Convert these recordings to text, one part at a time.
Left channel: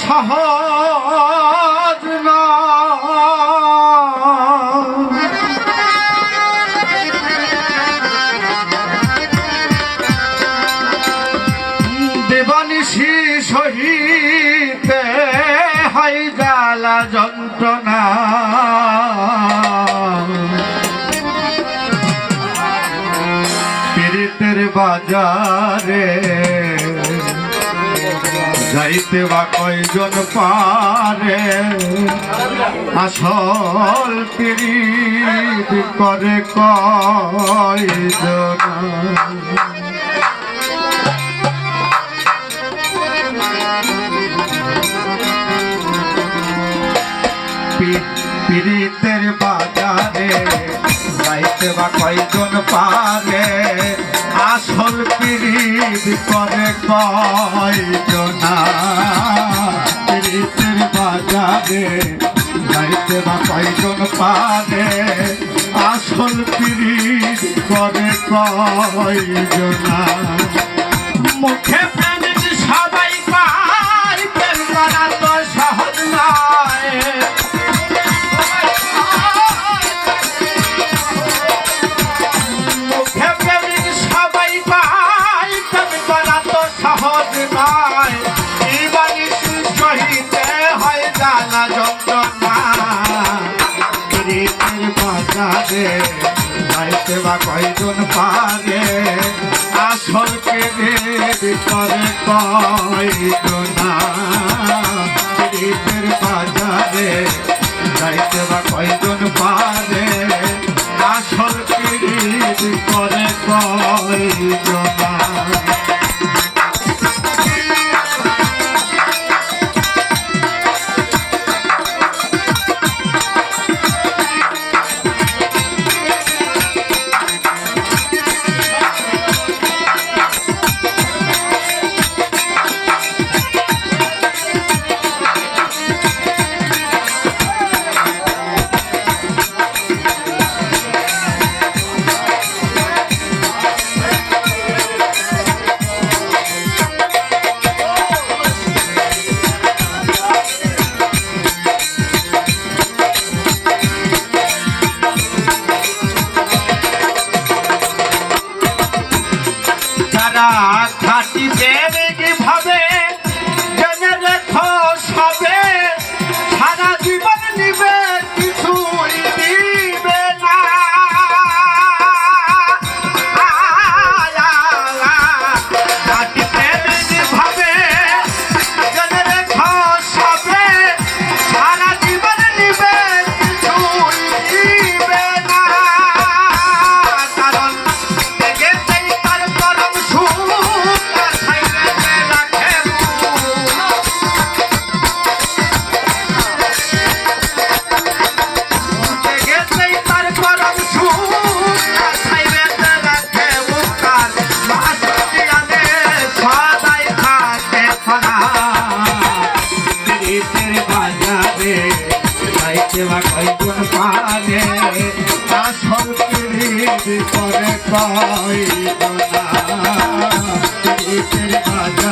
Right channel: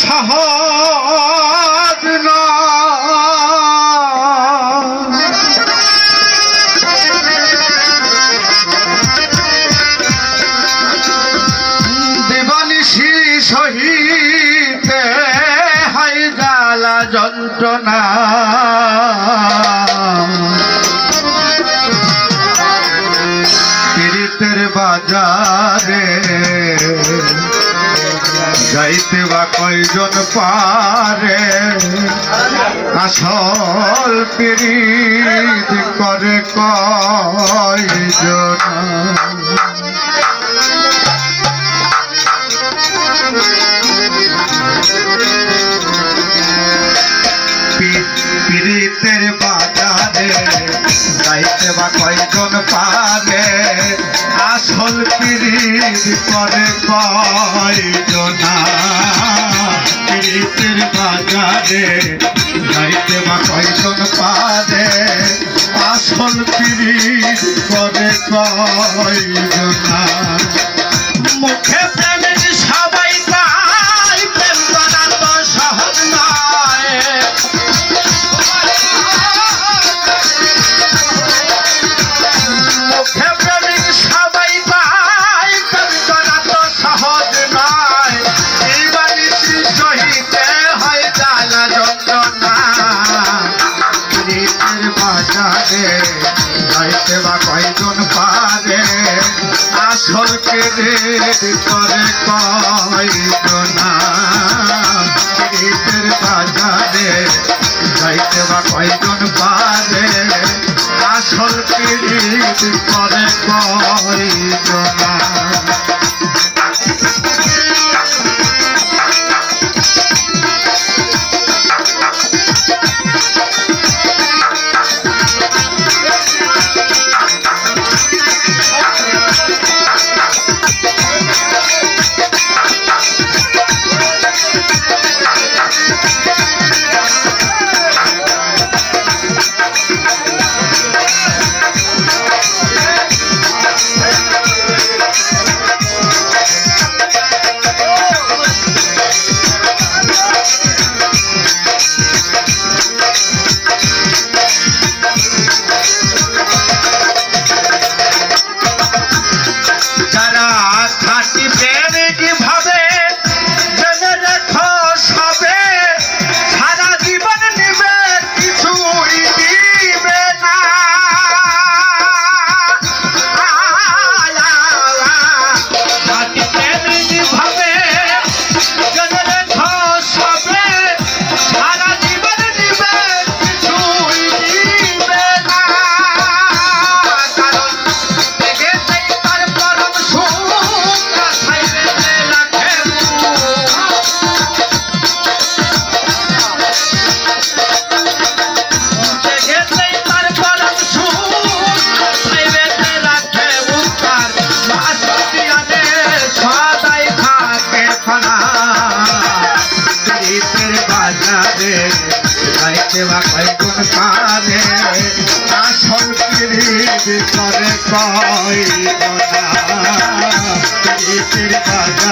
সহজ না। দেবানিশি সহিতে হাই জ্বালা যন্ত্রণা। বাজার সেবা কয়জন পারে? আসল পিরিত করে কয়জন? পিরিতের বাজারে যাইতে বা কয়জন পারে? আসল পিরিত প্রীতি করে কয়জনা প্রীতির বাজারে গাড়িতে বা কয়জন পারে? আসল প্রীত করে কয়জনা মুখে যন্ত্রণা প্রীতির বাজারে গাইতে বা কয়জন পারে আসল কেড়ে ভিতরে কয়জন প্রীতির বাজারে গাইতে কয়জন পারে? প্রয়োজন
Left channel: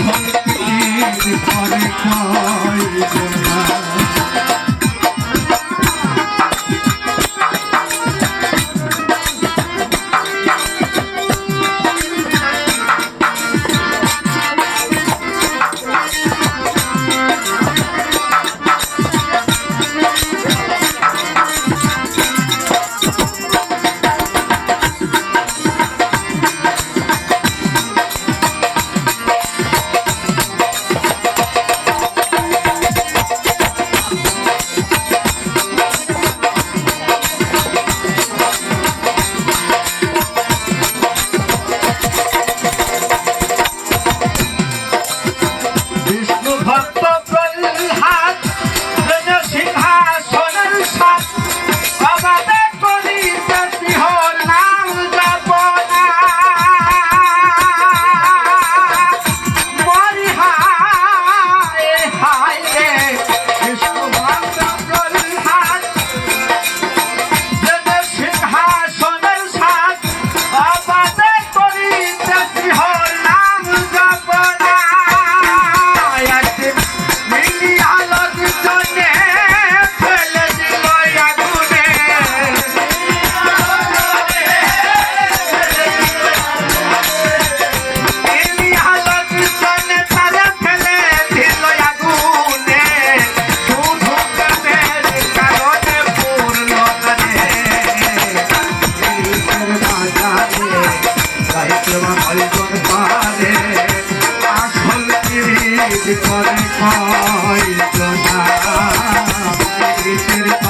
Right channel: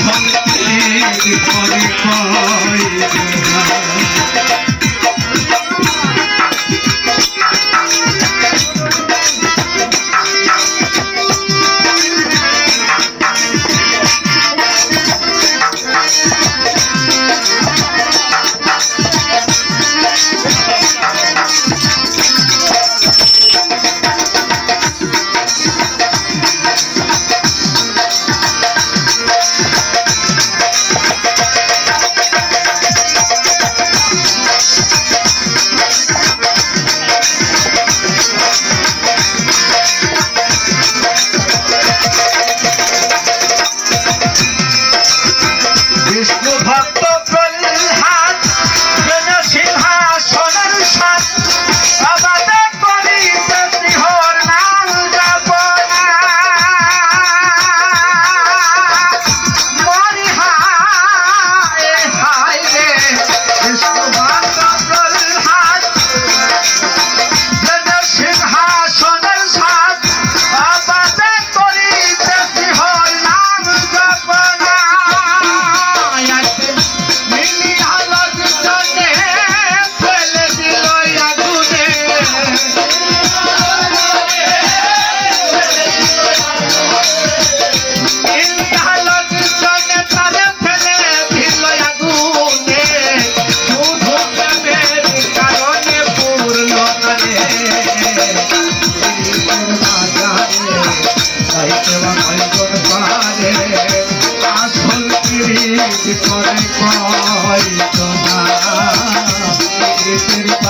শান্তির পরিচয় আসল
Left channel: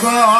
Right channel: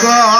সহজ